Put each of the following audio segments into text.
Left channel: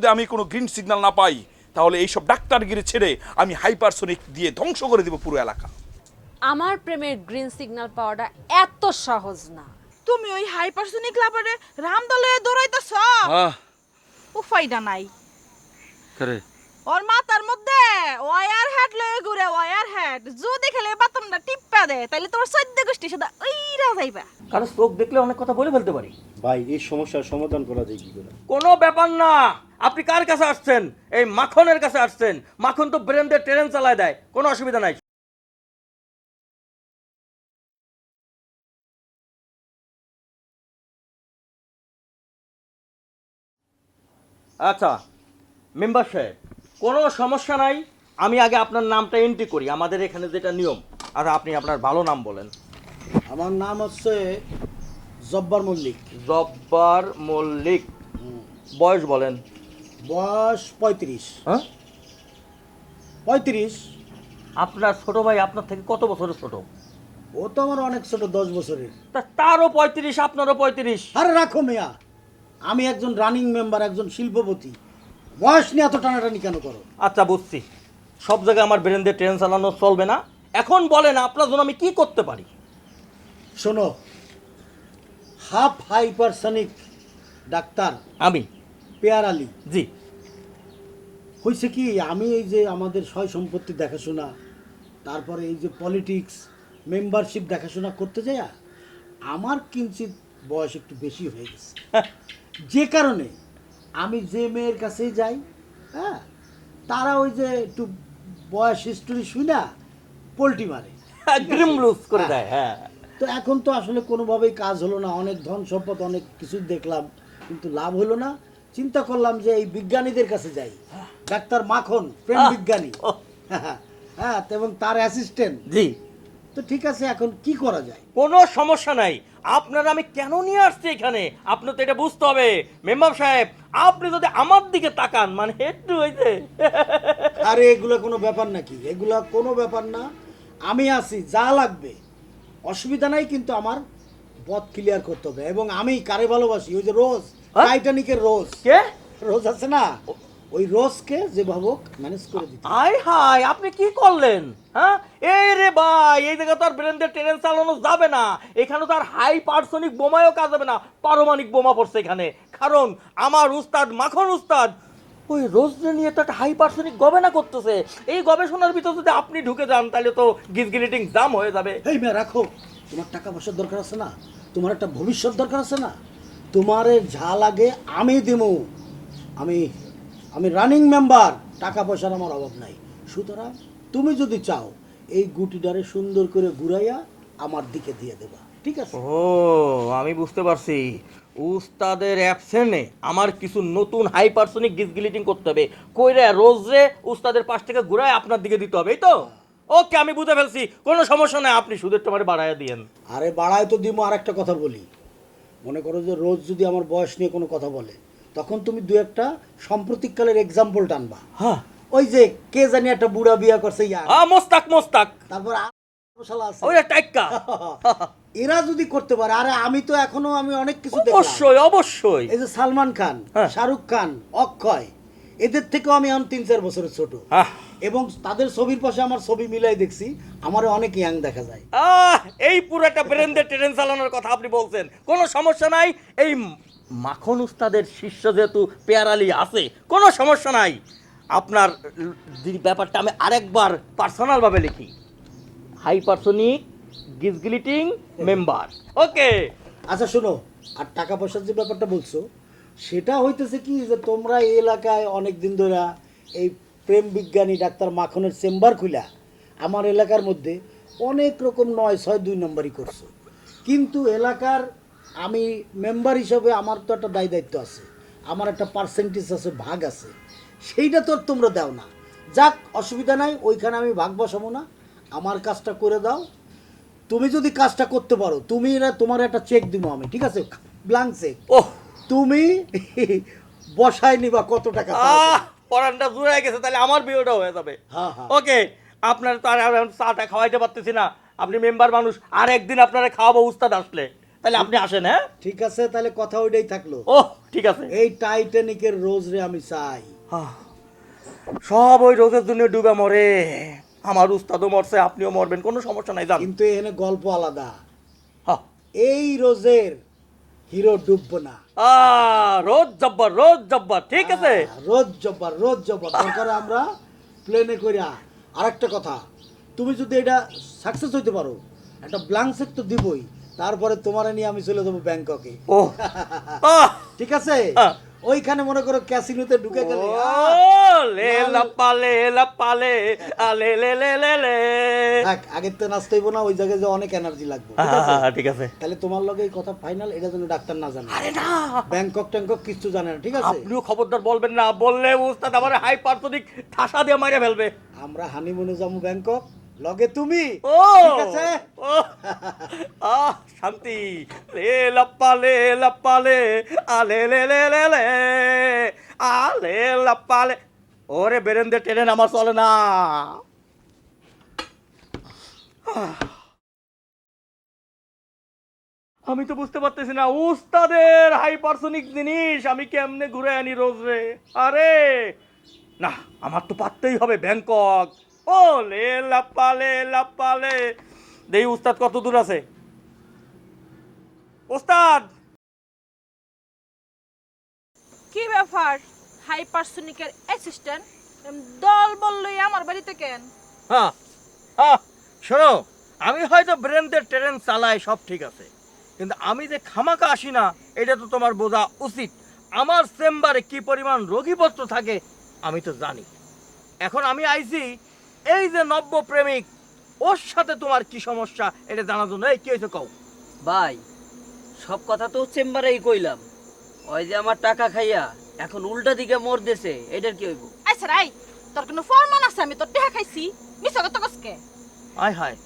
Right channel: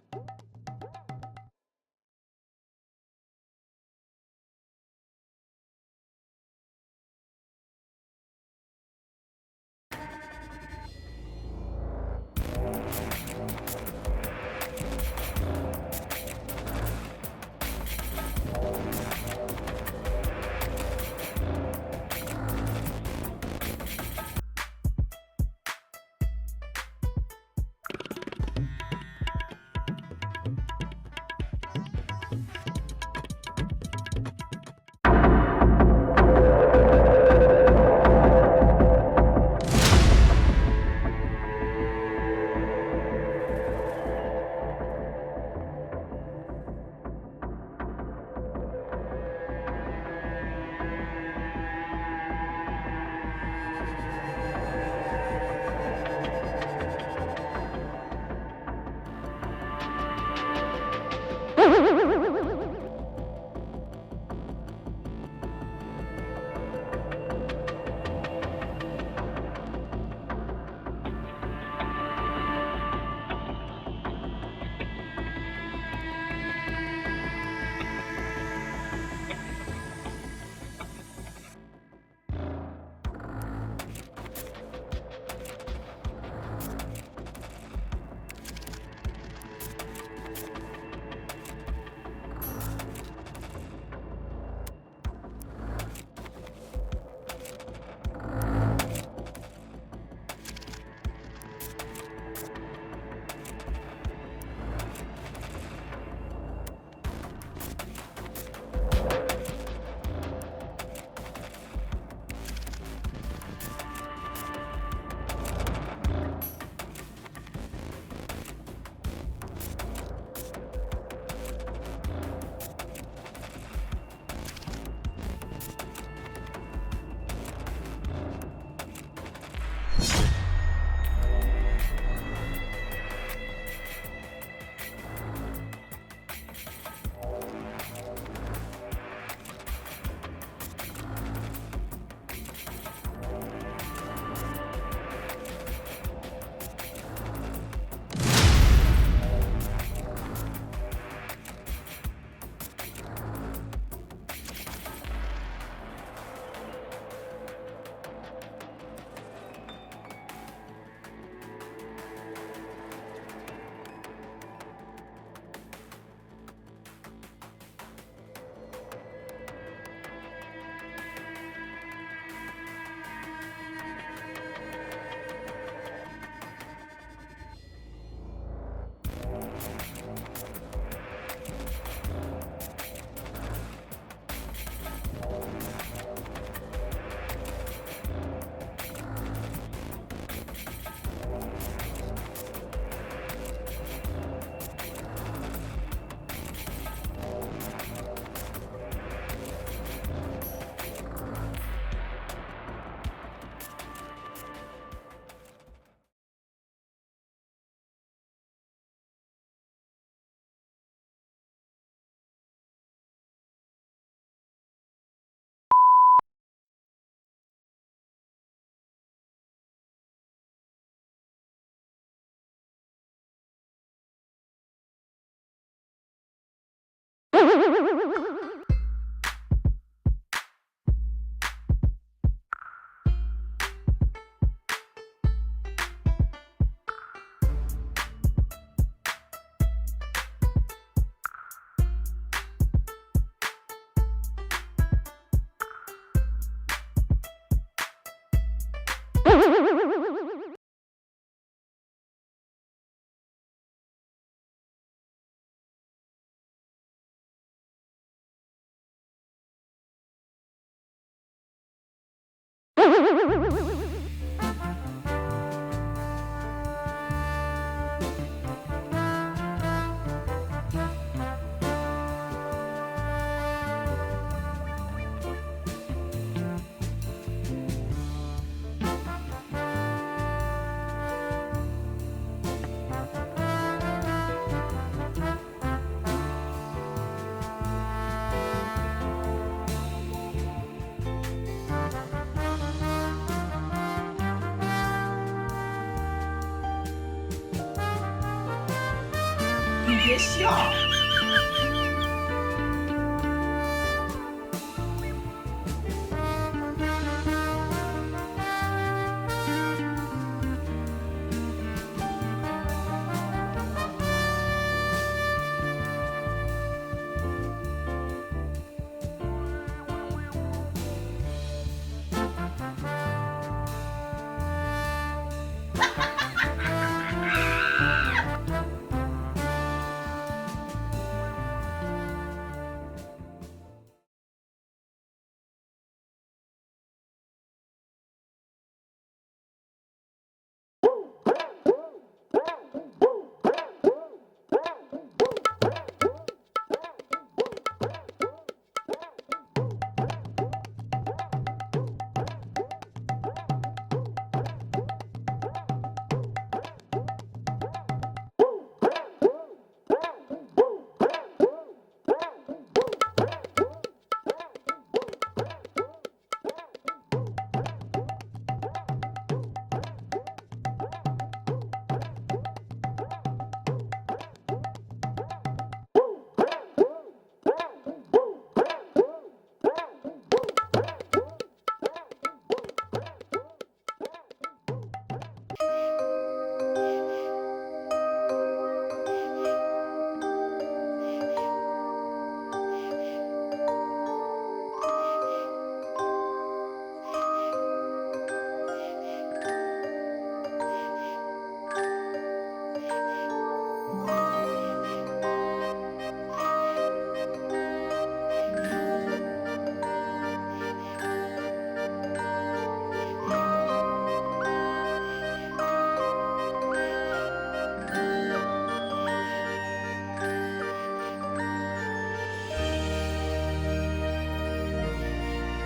যদি আমি কোনো গ্রিন সিগনাল না পাই তাহলে এইসব ডাক্তারগিরি ছেড়ে আমি হাইপারসোনিক দিয়ে ধ্বংস করে দিব পুরো এলাকা। আমার প্রেমের গ্রিন সিগনাল পাওয়াটা এত সহজ না। তুমি ওই হাইপারসোনিক লাভারে রামদলে দৌড়াইতেছ? উপায়টা নাই। ওর মাথার মধ্যে ওয়ার হেড লয়ে ঘুরে ওয়ার হেড যদি খেলে পাতাম না টিপ্পা দেয় তাহলে তোমার সদ্য গোষ্ঠী সাথে ওইরা যাইবা। কারণ চোখ দেখলে অনেক কথা বলে ফেলতে পারি। ভাই এই সমস্যার সমাধান করা যায় কোনো ব্যাপার না। আপনি কার কাছে আসছেন? এই মাখনের কাছে আসছেন। মাখন তো ব্রেন দিয়ে ট্রেন চালায় দেয়। কোনো অসুবিধা নাই। আচ্ছা মেম্বার সাহেব কোনো সমস্যা নাই। আমি আগে আপনার নামটা এন্ট্রি করি। আমাদের এখানে যেটা নিয়ম আর আপনি আপনার ভালো নাম বলেন। আমার নাম হচ্ছে জব্বার মল্লিক। জব্বার মল্লিক। বয়স বলেন। বয়স পঁয়ত্রিশ। পঁয়ত্রিশ। আপনার ছোট ভাই আপনার থেকে কত বছরের ছোট? ও তো আমার অনেক ছোট দশ বছরের। তারও পঁয়ত্রিশ আপনারও পঁয়ত্রিশ। আরে রাখো মিয়া। আমি একজন রানিং মেম্বার একজন শিল্পপতি। বয়স নিয়ে এত টানাটানি কেন করে? আচ্ছা বুঝছি। সব জায়গায় আমার ব্রেন দিয়ে ট্রেন চালানো চলবে না। এখন বলেন আপনার জন্য আমি কি করতে পারি? শোনো হাফ হাইপারসনিক ডাক্তার আমি। পেয়ার আলী। জি। হয়েছে কি আমি এই যে আমাদের সয় সম্পত্তি দেখাশোনা তারপরে এই যে পলিটিক্স মেম্বারশিপ দেখাশোনা করতে যাই আমার কিঞ্চিত বয়স একটু বেশি হয়ে গেছে। যে কারণে আমি যে মেয়ের কাছেই যাই হ্যাঁ তারা ওই যে একটু বয়স হিস্ট্রি শুই না পোল্টি মারে লুজ করে দেয় হ্যাঁ। তো এখন তো আসলে কোনোভাবেই কাজ হলো না অনেক ধন সম্পদ অনেক কিছু দেখলাম কিন্তু লাভ হলো না। চিন্তা করলাম যে এই বিজ্ঞানীদের কাছে যাই। ডাক্তার মাখন প্রেম বিজ্ঞানী। হ্যাঁ এবং তার অ্যাসিস্ট্যান্ট জি। তো ঠিক আছে এখন কি করা যায়? কোনো সমস্যা নাই। আপনার আমি কেন নিয়ে আসছি এখানে? আপনার তো এটা বুঝতে হবে। মেম্বার সাহেব আপনি যদি আমার দিকে তাকান মানে একটু হয়েছে আরে এগুলো কোনো ব্যাপার নাকি? এগুলা কোনো ব্যাপার না। আমি আছি যা লাগবে। অসুবিধা নাই কিন্তু আমার পথ ক্লিয়ার করতে হবে। এবং আমি কারে ভালোবাসি? ওই যে রোজ হ্যাঁ? টাইটানিকের রোজ। কে? রোজ আছে না? ওই রোজকে যে ভাবো ম্যানেজ করে দিচ্ছি আয় হায় আপনি কি করলেন? হ্যাঁ? এই রে ভাই এই জায়গা তো আর ব্রেন্ডের ট্রেন চালানো যাবে না। এখানে তো আর হাই পার্সনিক বোমায়ও কাজ হবে না। পারমাণিক বোমা পড়ছে এখানে। কারণ আমার উস্তাদ মাখন উস্তাদ ওই রোজনে নিয়ে তো একটা হাই পার্সনিক গবেষণা করতেছে। এই গবেষণার ভিতর যদি আপনি ঢুকে যান তাহলে তো গিজগিলিটিং দাম হয়ে যাবে। এই মেয়ে রাখো। তোমার টাকা পয়সার দরকার আছে না? তোমার একটা ভবিষ্যৎ দরকার আছে না? তোমারে যা লাগে আমি দেবো আমি আমি রানিং মেম্বার টাকা পয়সার আমার অভাব নাই। সুতরাং তুমি যদি চাও এই গুটিটারে সুন্দর করে ঘুরাইয়া আমার দিকে দিয়ে দেবে। ঠিক আছে? ও আমি বুঝতে পারছি। উস্তাদের অ্যাবসেন্টে আমার কিছু নতুন হাই পার্সনিক গিজগিলিটিং করতে হবে। কইরে রোজ রে উস্তাদের পাশ থেকে ঘুরায় আপনার দিকে দিতে হবে এই তো? ওকে আমি বুঝে ফেলছি। কোনো সমস্যা নাই আপনি সুদের তোমার বাড়াইয়া দিয়েন। আরে বাড়ায় তো দিমো আর একটা কথা বলি। মনে করো যে রোজ যদি আমার বয়স নিয়ে কোনো কথা বলে তখন তুমি দু একটা সাম্প্রতিককালের এক্সাম্পল টানবা। হ্যাঁ। ওই যে কে জানি একটা বুড়া বিয়া করছে আ মোস্তাক মোস্তাক। তারপর শালা আছে। ওই টাইক্কা। এরা যদি করতে পারে আরে আমি তো এখনও আমি অনেক কিছু দেখলাম। অবশ্যই অবশ্যই। এই যে সালমান খান হ্যাঁ। শাহরুখ খান অক্ষয় এদের থেকেও আমি এখন তিন চার বছরের ছোট। এবং তাদের ছবির পাশে আমার ছবি মিলাই দেখছি আমার অনেক ইয়াং দেখা যায়। এই পুরাটা ব্রেন্ডের ট্রেন চালানোর কথা আপনি বলছেন। কোনো সমস্যা নাই এই মাখন উস্তাদের শিষ্য যেহেতু পেয়ারালি আছে, কোনো সমস্যা নাই। আপনার ব্যাপারটা আমি আরেকবার পার্সোনাল ভাবে লিখি। হাই পার্সনিক গিজগিলিটিং মেম্বার ওকে আচ্ছা শোনো, আর টাকা পয়সার যে ব্যাপারটা বলছো, সেটা হইতেছে কি যে তোমরা এই এলাকায় অনেক দিন ধরে এই প্রেম বিজ্ঞানী ডাক্তার মাখনের চেম্বার খুলা আমার এলাকার মধ্যে অনেক রকম নয় ছয় দুই নম্বরই কিন্তু এলাকার আমি মেম্বার হিসাবে আমার তো একটা দায় দায়িত্ব আছে। আমার একটা পার্সেন্টেজ আছে ভাগ আছে। সেইটা তো তোমরা দাও না। যাক অসুবিধা নাই ওইখানে আমি ভাগ বসাবো না। আমার কাজটা করে দাও। তুমি যদি কাজটা করতে পারো তুমি না তোমার একটা চেক দিব আমি ঠিক আছে? ব্ল্যাঙ্ক চেক ওহ! তুমি বসায় নিবা কত টাকা পরানটা শুরু হয়ে গেছে তাহলে আমার বিয়েটা হয়ে যাবে। হ্যাঁ, হ্যাঁ। ওকে আপনার তো আর এখন চাটা খাওয়াইতে পারতেছি না। আপনি মেম্বার মানুষ আর একদিন আপনারা খাওয়াবো উস্তাদ আসলে। তাহলে আপনি আসেন হ্যাঁ? ঠিক আছে তাহলে কথা ওইটাই থাকল। ও ঠিক আছে। এই টাইটানিকের রোজ রে আমি চাই সব ওই রোজের জন্য ডুবে মরে। আমার উস্তাদও মরছে আপনিও মরবেন কোনো সমস্যা নাই দাম কিন্তু এখানে গল্প আলাদা। এই রোজের হিরো ডুববে না। রোজ জব্বার রোজ জব্বার ঠিক আছে। রোজ জব্বার রোজ জব্বার। দরকার আমরা প্লেনে করে আরেকটা কথা তুমি যদি এটা সাকসেস হইতে পারো একটা ব্ল্যাঙ্ক চেক তো দিবই। তারপরে তোমার নিয়ে আমি চলে যাব ব্যাংককে। ঠিক আছে। ওইখানে মনে করো ক্যাসিনোতে ঢুকে গেলে আগের তো নাচতে হইব না ওই জায়গায় যে অনেক এনার্জি লাগবে। ঠিক আছে। তাহলে তোমার লগে এই কথা ফাইনাল এটা যেন ডাক্তার না জানে। ব্যাংকক ট্যাংকক কিচ্ছু জানে না ঠিক আছে? আপনিও খবরদার বলবেন না বললে উস্তাদ আমার হাই পার্সোনিক ঠাসা দিয়ে মাইরে ফেলবে। আমরা হানিমুনে যাব ব্যাংকক লগে তুমি ও! ঠিক আছে? আহ শান্তি। লে লাপ্পা লে লাপ্পা লে আ লে লে লে লে লে আ লে লাপ্পা লে ওরে বেরেন্দে ট্রেন আমার চলে না। আমি তো বুঝতে পারতেছি না, উস্তাদের হাইপারসোনিক জিনিস আমি কেমনে ঘুরে আনি রোজ রে? আরে, না, আমার তো পারতেই হবে ব্যাংকক। ও লে লাপ্পা লে লাপ্পা লে দেই উস্তাদ, কত দূর আছে? উস্তাদ! কি ব্যাপার? হাইপারসোনিকের অ্যাসিস্ট্যান্ট দল বললই আমার বাড়িতে কেন হ্যাঁ হ্যাঁ শোনো আমি হয়তো ব্রেনদের ট্রেন চালাই সব ঠিক আছে। কিন্তু আমি যে খামাকা আসি না এটা তো তোমার বোঝা উচিত। আমার চেম্বারে কি পরিমাণ রোগীপত্র থাকে আমি তো জানি। এখন আমি আইছি এই যে নব্য প্রেমিক ওর সাথে তোমার কি সমস্যা এটা জানার জন্য এই কি হয়েছে কও? ভাই সব কথা তো চেম্বারেই কইলাম। ওই যে আমার টাকা খাইয়া এখন উল্টা দিকে মোর দেশে এটার কি হইব? আচ্ছা রাই তোর কোনো ফরমান আছে? আমি তোর টেহা খাইছি। মিছা কথা কসকে আয় হায়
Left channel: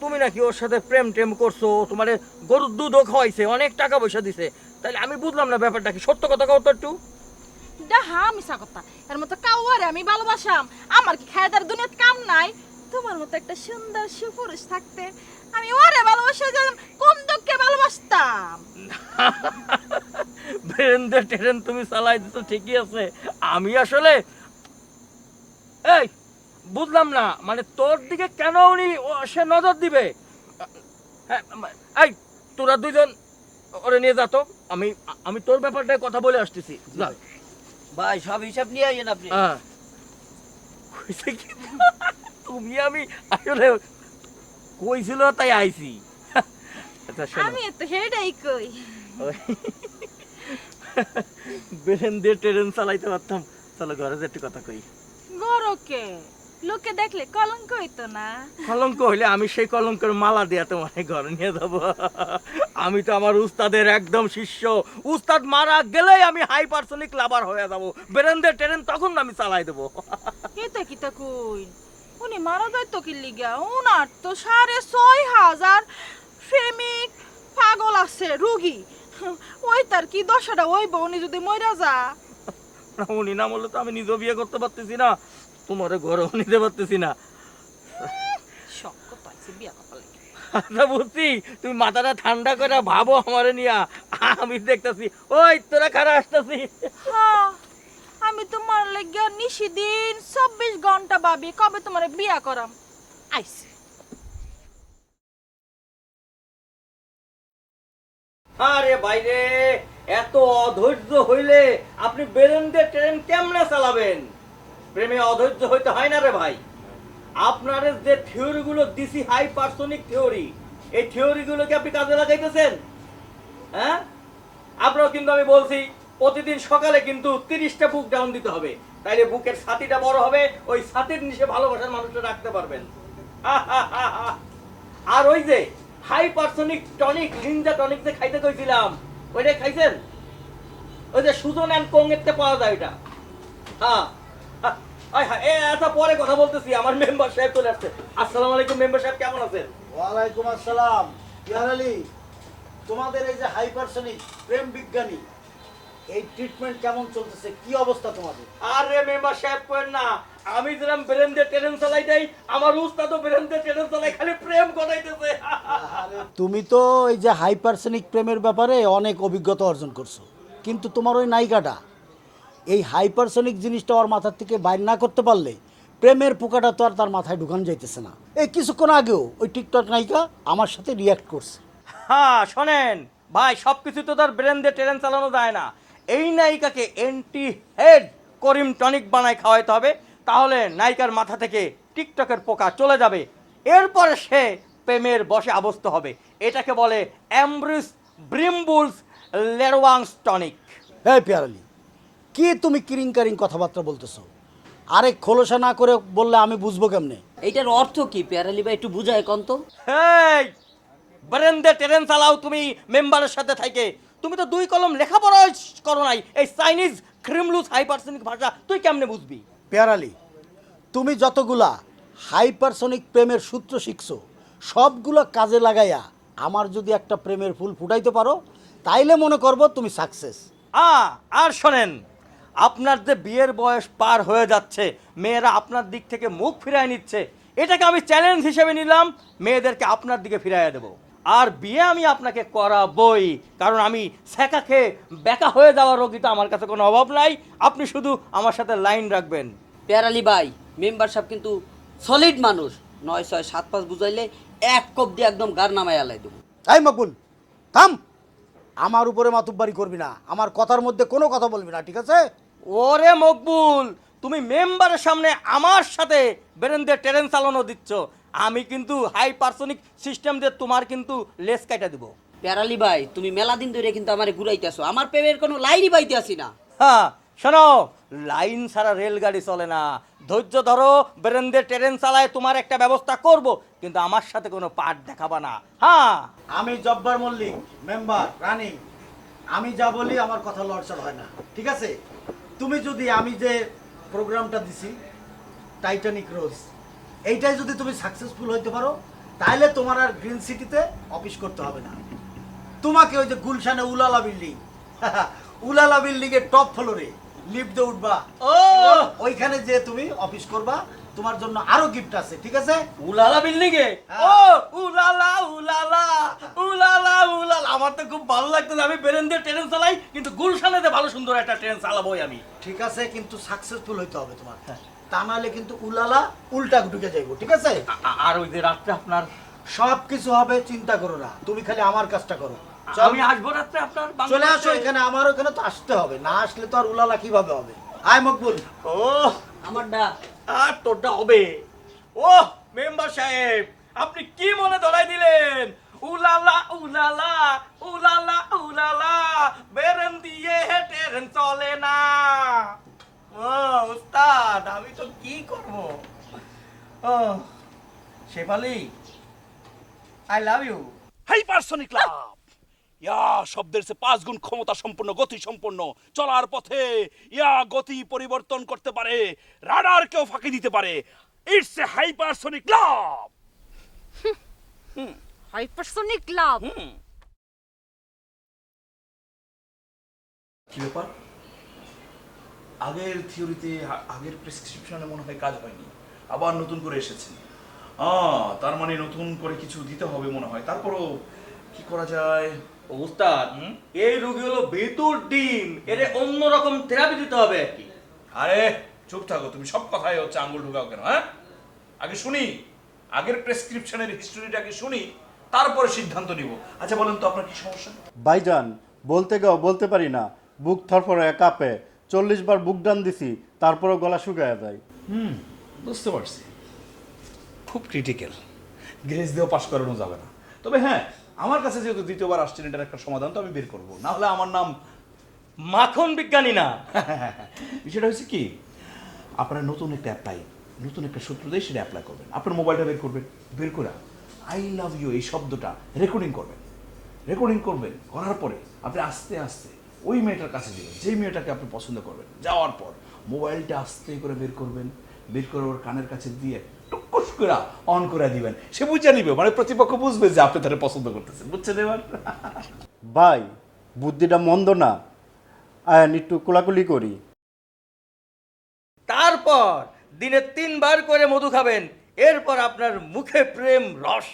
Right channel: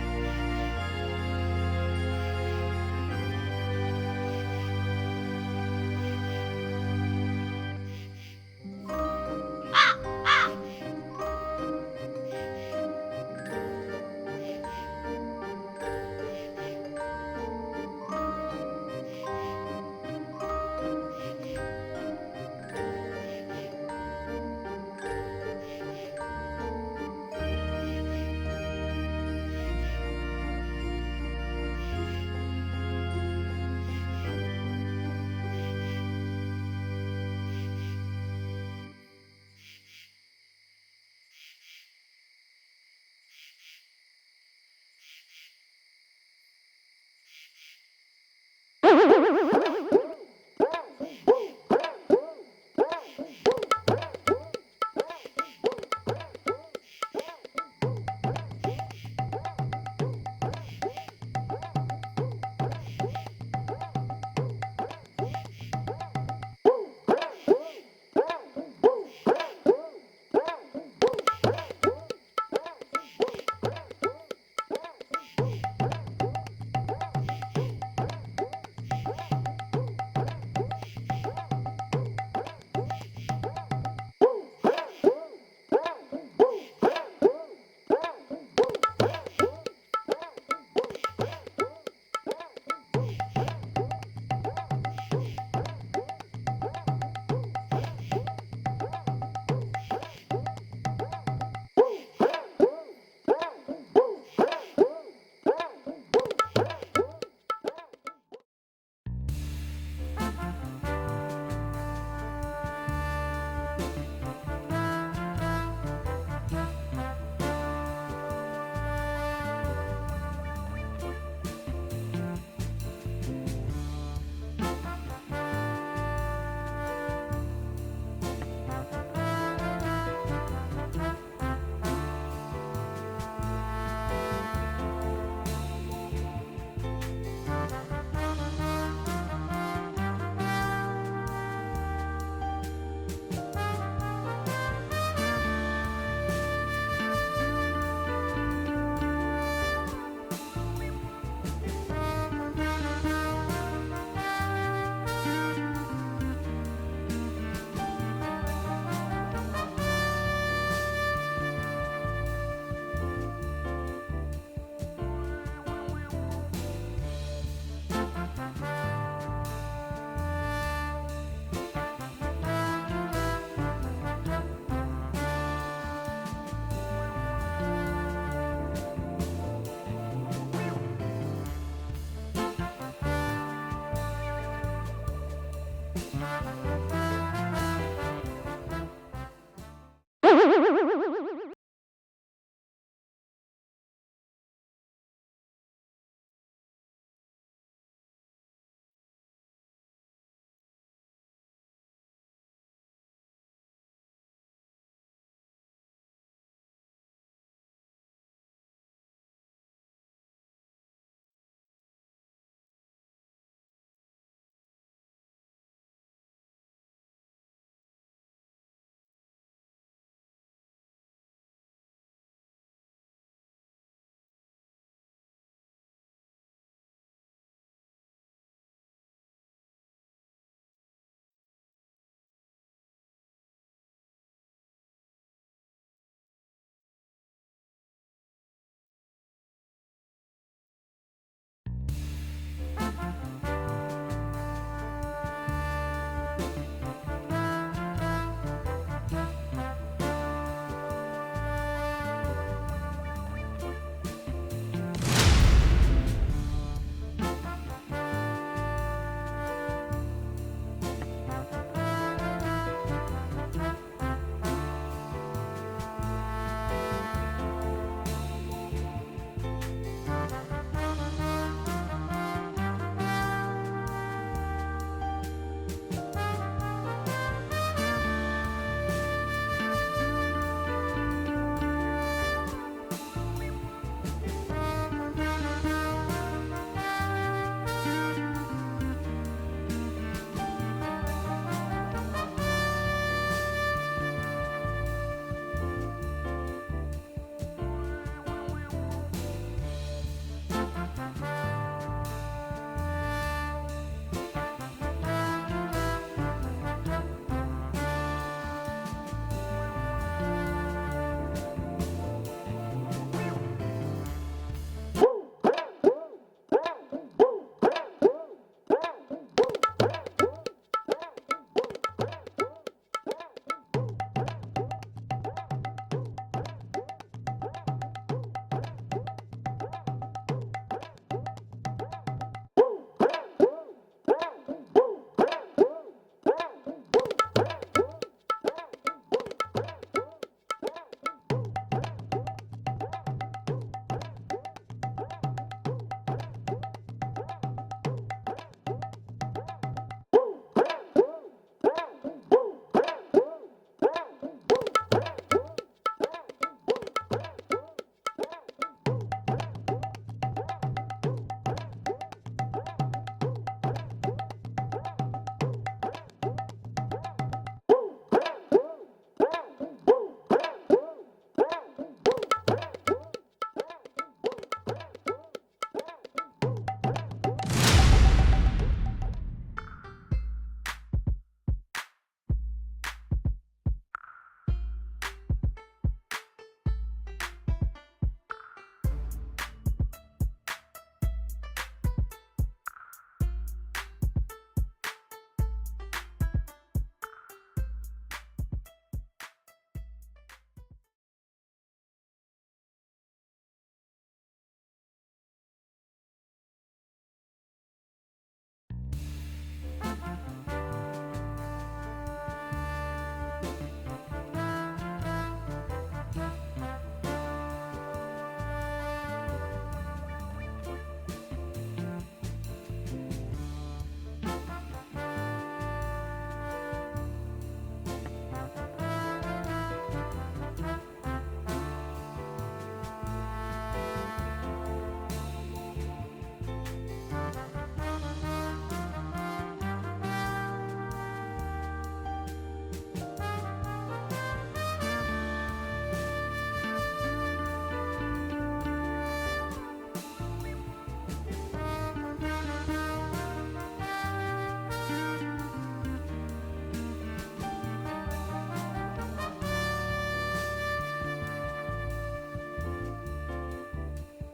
তুমি নাকি ওর সাথে প্রেম টেম করছ তোমার গরুর দুধও খাওয়াইছে অনেক টাকা পয়সা দিছে। তাহলে আমি বুঝলাম না ব্যাপারটা কি সত্য কথা কও তো একটু। হা মিছা কথা। তার মতো কাউয়ারে আমি ভালোবাসাম আমার খায়দার দুনিয়াত কাম নাই। তোমার মতো একটা সুন্দর সুপুরুষ থাকতে আমি ওরে ভালোবাসা কোন দুঃখে ভালোবাসতাম? ট্রেন তুমি চালাই দিতো ঠিকই আছে। আমি আসলে এই বুঝলাম না মানে তোর দিকে কেন উনি সে নজর দিবে? এই তোরা দুজন ওরে নিয়ে যা তো আমি আমি তোর ব্যাপারটা কথা বলে আসতেছি। যা। ভাই সব হিসাব নিয়ে আইয়েন আপনি। হ্যাঁ। তুমি আমি আসলে কইছিল তাই আইছি। আচ্ছা আমি তো হেডাই কই। বেরেন দিয়ে ট্রেন চালাইতে পারতাম। চলো ঘরে যেতে কথা কই। বড় কে? লোকে দেখলে কলঙ্ক হইতো না। কলঙ্ক হইলে আমি সেই কলঙ্কের মালা দিয়া তোমাকে ঘরে নিয়ে যাব। আমি তো আমার উস্তাদের একদম শিষ্য। উস্তাদ মারা গেলেই আমি হাই পার্সোনিক লাভার হয়ে যাব। বেরেন্দের ট্রেন তখন আমি চালাই দেবো। এটা কি তা কই? উনি মারা যাইতো কি লিগা? উনার তো সাড়ে ছয় হাজার প্রেমিক পাগল আছে রুগী। ওই তার কি দশাটা? ওই উনি যদি মইরা যা। উনি না বললে তো আমি নিজেও বিয়ে করতে পারতেছি না। তোমার ঘরেও নিতে পারতেছি না। আচ্ছা বুঝছি। তুমি মাথাটা ঠান্ডা করে ভাবো আমারে নিয়া। আমি দেখতেছি ওই তোরা খারা আসতেছি? আমি তোমার লাগিয়া নিশি দিন চব্বিশ ঘণ্টা ভাবি কবে তোমার বিয়া করাম বাইরে, এত অধৈর্য হইলে আপনি বেরেন্দ্রে ট্রেন কেমনে চালাবেন? প্রেমে অধৈর্য হইতে হয় না রে ভাই। আপনার যে থিওরি গুলো দিছি হাই পার্সোনিক থিওরি, এই থিওরি গুলোকে আপনি কাজে লাগাইতেছেন? হ্যাঁ? আপনার কিন্তু আমি বলছি, প্রতিদিন সকালে কিন্তু তিরিশটা বুক ডাউন দিতে হবে। তাইলে বুকের ছাতিটা বড় হবে, ওই ছাতির নিচে ভালোবাসার মানুষটা রাখতে পারবেন। আর ওই যে হাই পার্সোনিক টনিক লিঞ্জা টনিক যে খাইতে কইছিলাম। ওইটা খাইছেন? ওই যে সুজন অ্যান্ড কোংয়েতে পাওয়া যায় ওইটা। হ্যাঁ হ্যাঁ, হ্যাঁ, আচ্ছা পরে কথা বলতেছি আমার মেম্বার সাহেব চলে আসছে। আসসালামু আলাইকুম মেম্বার সাহেব কেমন আছেন? ওয়ালাইকুম আসসালাম। ইয়ার তোমাদের এই যে হাইপারসনিক প্রেম বিজ্ঞানী এই ট্রিটমেন্ট কেমন চলতেছে? কি অবস্থা তোমার? আরে মেম্বার করেন না। আমি চালাই দেই, আমার উস্তাদ চালাই, খালি প্রেম করাইতেছে তুমি তো এই যে হাইপারসনিক প্রেমের ব্যাপারে অনেক অভিজ্ঞতা অর্জন করছ। কিন্তু তোমার ওই নায়িকাটা, এই হাইপারসনিক জিনিসটা ওর মাথার থেকে বাইর না করতে পারলে, প্রেমের পোকাটা তো আর তার মাথায় ঢুকানো যাইতেছে না। এই কিছুক্ষণ আগেও ওই টিকটক নায়িকা আমার সাথে রিয়াক্ট করছে। হ্যাঁ শোনেন। ভাই সবকিছু তো তার ব্রেন্ডে ট্রেন চালানো যায় না। এই নায়িকাকে এন্টি হেড করিম টনিক বানায় খাওয়াইতে হবে। তাহলে নায়িকার মাথা থেকে টিকটকের পোকা চলে যাবে। এরপরে সে প্রেমের বসে আবস্ত হবে। এটাকে বলে অ্যাম্ব্রিস ব্রিমবুলস লেরওয়াংস টনিক। হ্যাঁ পেয়ারালি কি তুমি কিরিং কারিং কথাবার্তা বলতেছো? আরে খোলসা না করে বললে আমি বুঝব কেমনে? এইটার অর্থ কি প্যারালি ভাই? একটু বুঝায় কন্ত তো। এই ব্রেন্ডে ট্রেন চালাও তুমি মেম্বারের সাথে থাকে। তুমি তো দুই কলম লেখাপড়া করো নাই। এই চাইনিজ ক্রিমলুস হাইপারসনিক ভাষা তুই কেমনে বুঝবি? পেয়ারালি তুমি যতগুলা হাইপারসনিক প্রেমের সূত্র শিখছো সবগুলো কাজে লাগাইয়া আমার যদি একটা প্রেমের ফুল ফুটাইতে পারো তাইলে মনে করব তুমি সাকসেস আ আর শোনেন আপনার যে বিয়ের বয়স পার হয়ে যাচ্ছে মেয়েরা আপনার দিক থেকে মুখ ফিরায় নিচ্ছে এটাকে আমি চ্যালেঞ্জ হিসেবে নিলাম মেয়েদেরকে আপনার দিকে ফিরাইয়া দেব। আর বিয়ে আমি আপনাকে করাবই। কারণ আমি ছেঁকা খেয়ে বেকা হয়ে যাওয়ার রোগী তো আমার কাছে কোনো অভাব নাই। আপনি শুধু আমার সাথে লাইন রাখবেন। প্যারালি ভাই মেম্বার সাহেব কিন্তু সলিড মানুষ। নয় ছয় সাত পাঁচ বুঝাইলে এক কবজি একদম গার নামায় আলাইবে তাই মকুল থাম। আমার উপরে মাতুব্বারি করবি না। আমার কথার মধ্যে কোনো কথা বলবি না ঠিক আছে? ওরে মকবুল তুমি মেম্বারের সামনে আমার সাথে বেরেন্দ্রে ট্রেন চালানো দিচ্ছ। আমি কিন্তু হাই পার্সনিক সিস্টেম দিয়ে তোমার কিন্তু লেস কাটা দেবো। প্যারালি ভাই তুমি মেলা দিন ধরে কিন্তু আমারে ঘুরাইতেছো। আমার প্রেমের কোনো লাইনই পাইতে আসি না। হ্যাঁ শোনো লাইন ছাড়া রেলগাড়ি চলে না। ধৈর্য ধরো বেরেন্দ্রে ট্রেন চালায় তোমার একটা ব্যবস্থা করব কিন্তু আমার সাথে কোনো পাঠ দেখাবা না। হ্যাঁ। আমি জব্বার মল্লিক মেম্বার রানিং। আমি যা বলি আমার কথা লড়ছড় হয় না ঠিক আছে? তুমি যদি আমি যে প্রোগ্রামটা দিছি টাইটানিক রোজ এইটাই যদি তুমি সাকসেসফুল হইতে পারো তাহলে তোমার আর গ্রিন সিটিতে অফিস করতে হবে না। তোমাকে ওই যে গুলশানে ooh la la building ooh la la building এর টপ ফ্লোরে লিফটে উঠবা। ও! ওইখানে যে তুমি অফিস করবা তোমার জন্য আরও গিফট আছে ঠিক আছে? উলালা বিল্ডিং এ? ও ooh la la ooh la la ooh la la ooh la la. আমার তো খুব ভালো লাগতেছে আমি বেরেন্দ্রে ট্রেন চালাই গুলশানেতে ভালো সুন্দর একটা ট্রেন চালাবোই আমি। ঠিক আছে কিন্তু সাকসেসফুল হইতে হবে তোমার। তা নাহলে কিন্তু উলালা উল্টা ঢুকে যাইবো ঠিক আছে? আর ওই যে রাত্রে আপনার সব কিছু হবে চিন্তা করো না। তুমি খালি আমার কাজটা করো। আমি আসব রাত্রে আপনার চলে আসো এখানে আমার ওখানে তো আসতে হবে। না আসলে তো আর উলালা কীভাবে হবে? আয় মকবুল। ও আমারটা আর তোরটা হবে। ও মেম্বার সাহেব আপনি কি মনে ধরাই দিলেন? Ooh la la ooh la la ooh la la Shefali I love you hypersonic love ইয়া শব্দের সে পাঁচ গুণ ক্ষমতা সম্পূর্ণ গতি সম্পন্ন চলার পথে ইয়া গতি পরিবর্তন করতে পারে রাডারকেও ফাঁকি দিতে পারে। It's a hypersonic love hypersonic love কি ব্যাপার? আগের থিওরিতে আগের প্রেসক্রিপশনে মনে হয় কাজ হয়নি। আবার নতুন করে এসেছি। তার মানে নতুন করে কিছু দিতে হবে মনে হয়। তারপরও কি করা যায়? উস্তাদ হুম? এই রোগী হলো বেতুর ডিম। এর অন্যরকম থেরাপি দিতে হবে আর কি। আরে চুপ থাকো তুমি সব কথাই হচ্ছে আঙ্গুল ঢুকাও কেন হ্যাঁ? আগে শুনি আগের প্রেসক্রিপশনের হিস্টোরিটাকে শুনি তারপরে সিদ্ধান্ত নিব। আচ্ছা বলেন তো আপনার কি সমস্যা? ভাইজান বলতে গেও বলতে পারি না। বুক থরফরে কাঁপে। চল্লিশ বার বুক ডান দিছি তারপরও গলা শুকায় যায়। বুঝতে পারছি। খুব ক্রিটিক্যাল গ্যাস দিয়েও পাশ করানো যাবে না। তবে হ্যাঁ আমার কাছে যেহেতু দ্বিতীয়বার আসছেন, এটার একটা সমাধান তো আমি বের করব। না হলে আমার নাম মাখন বিজ্ঞানী না। সেটা হচ্ছে কি, আপনারা নতুন একটা অ্যাপ্লাই নতুন একটা সূত্র দিয়ে সেটা অ্যাপ্লাই করবেন আপনার মোবাইলটা বের করবেন, বের করে আই লাভ ইউ এই শব্দটা রেকর্ডিং করবেন। রেকর্ডিং করবেন, করার পরে আপনি আস্তে আস্তে ওই মেয়েটার কাছে যেই মেয়েটাকে আপনি পছন্দ করবেন, যাওয়ার পর মোবাইলটা আস্তে করে বের করবেন। বের করে ওর কানের কাছে দিয়ে টুকুস করে অন করে দিবেন। সে বুঝে নিবে মানে প্রতিপক্ষ বুঝবে যে আপনি তারা পছন্দ করতেছেন। বুঝছেন এবার ভাই বুদ্ধিটা মন্দ না। আয়ান একটু কোলাকুলি করি। তারপর দিনে তিনবার করে মধু খাবেন এরপর আপনার মুখে প্রেম রস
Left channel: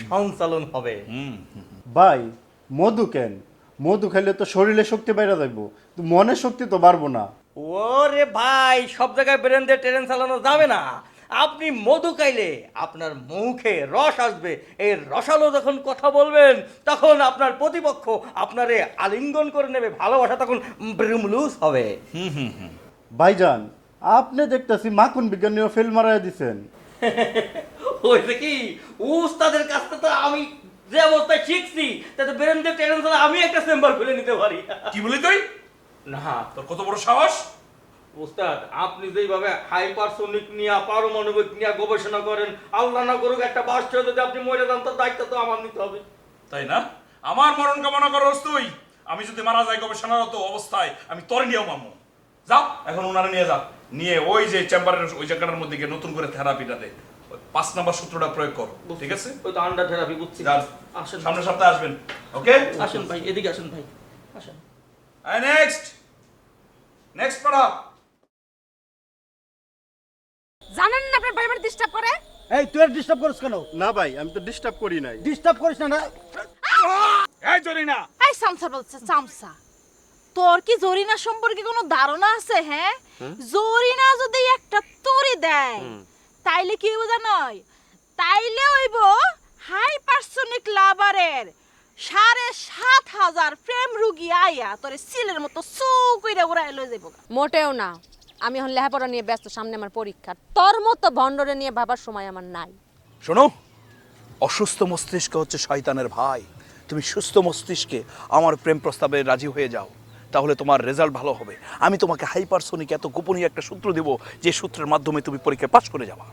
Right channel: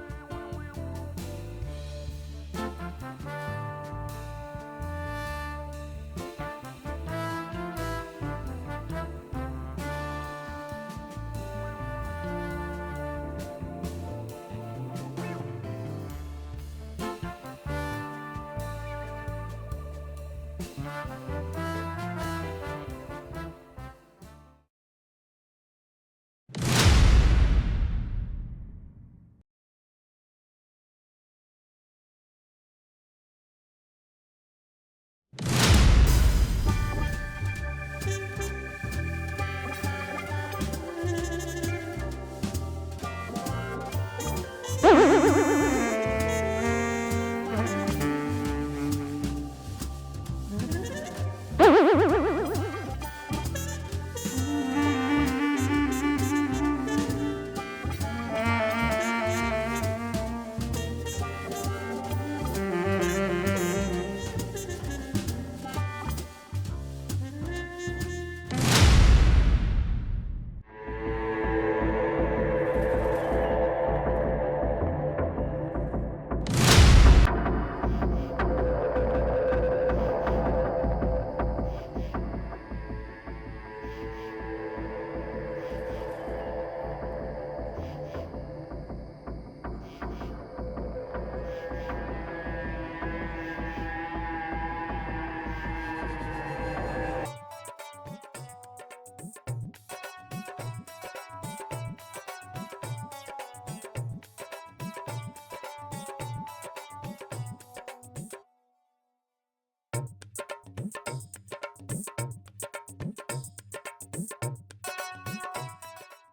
সঞ্চালন হবে। ভাই মধু কেন? মধু খাইলে তো শরীরে শক্তি বাইরে যাইব। মনে শক্তি তো বাড়বো না। ওরে ভাই সব জায়গায় ব্রেন দিয়ে ট্রেন চালানো যাবে না। আপনি মধু খাইলে আপনার মুখে রস আসবে। এই রসালো যখন কথা বলবেন তখন আপনার প্রতিপক্ষ আপনারে আলিঙ্গন করে নেবে ভালোবাসা তখন ব্রিমলুস হবে। ভাইজান আপনি দেখতেছি মাকুন বিজ্ঞানীও ফেল মারাই দিছেন। হয়েছে কি উস্তাদের কাছ থেকে তো আমি যে অবস্থায় শিখছি তাতে ব্রেন দিয়ে ট্রেন চালা আমি একটা চেম্বার খুলে নিতে পারি। কি বলি তুই? তোর কত বড় সাহস? উস্তাদ আপনি যেভাবে হাইপারসোনিক নিয়ে পারমাণবিক নিয়ে গবেষণা করেন আল্লাহ না করুক একটা বাস্ট যদি আপনি মরে যান। তাই না? আমার মরণ কামনা করস তুই আমি যদি মারা যাই গবেষণারত অবস্থায় আমি তোর নিয়ে যাও এখন ওনারা নিয়ে যান। নিয়ে ওই যে চেম্বারের ওই জায়গাটার মধ্যে গিয়ে নতুন করে থেরাপিটা দে পাঁচ নাম্বার সূত্রটা প্রয়োগ কর ঠিক আছে? তো আন্ডার থেরাপি বুঝছি যান আসলে সামনের সপ্তাহে আসবেন ওকে? আসেন এদিকে আসেন। নেক্সট নেক্সট পড়া। জানেন না আপনার পরিবার ডিস্টার্ব করে? এই তুই ডিস্টার্ব করিস কেন? না ভাই আমি তো ডিস্টার্ব করি নাই। ডিস্টার্ব করিস না না। এই চলি না এই সামসা বলছে সামসা তোর কি জরিনা সম্পর্কে কোনো ধারণা আছে হ্যাঁ? জরিনা যদি একটা তরি দেয় তাইলে কি হইব জানই? তাইলে হইব হাইপারসোনিক লাভারের সাড়ে সাত হাজার প্রেম রুগী আইয়া তোর সিলের মতো চৌকিরে উড়াই লই যাবে। মোটেও না। আমি এখন লেখাপড়া নিয়ে ব্যস্ত, সামনে আমার পরীক্ষা। তোর মতো ভণ্ডরে নিয়ে ভাবার সময় আমার নাই। শোনো, অসুস্থ মস্তিষ্ক হচ্ছে শয়তানের ভাই। তুমি সুস্থ মস্তিষ্কে আমার প্রেম প্রস্তাবে রাজি হয়ে যাও। তাহলে তোমার রেজাল্ট ভালো হবে। আমি তোমাকে হাইপারসোনিক এত গোপনীয় একটা সূত্র দেব যে সূত্রের মাধ্যমে তুমি পরীক্ষায় পাশ করে যাবা।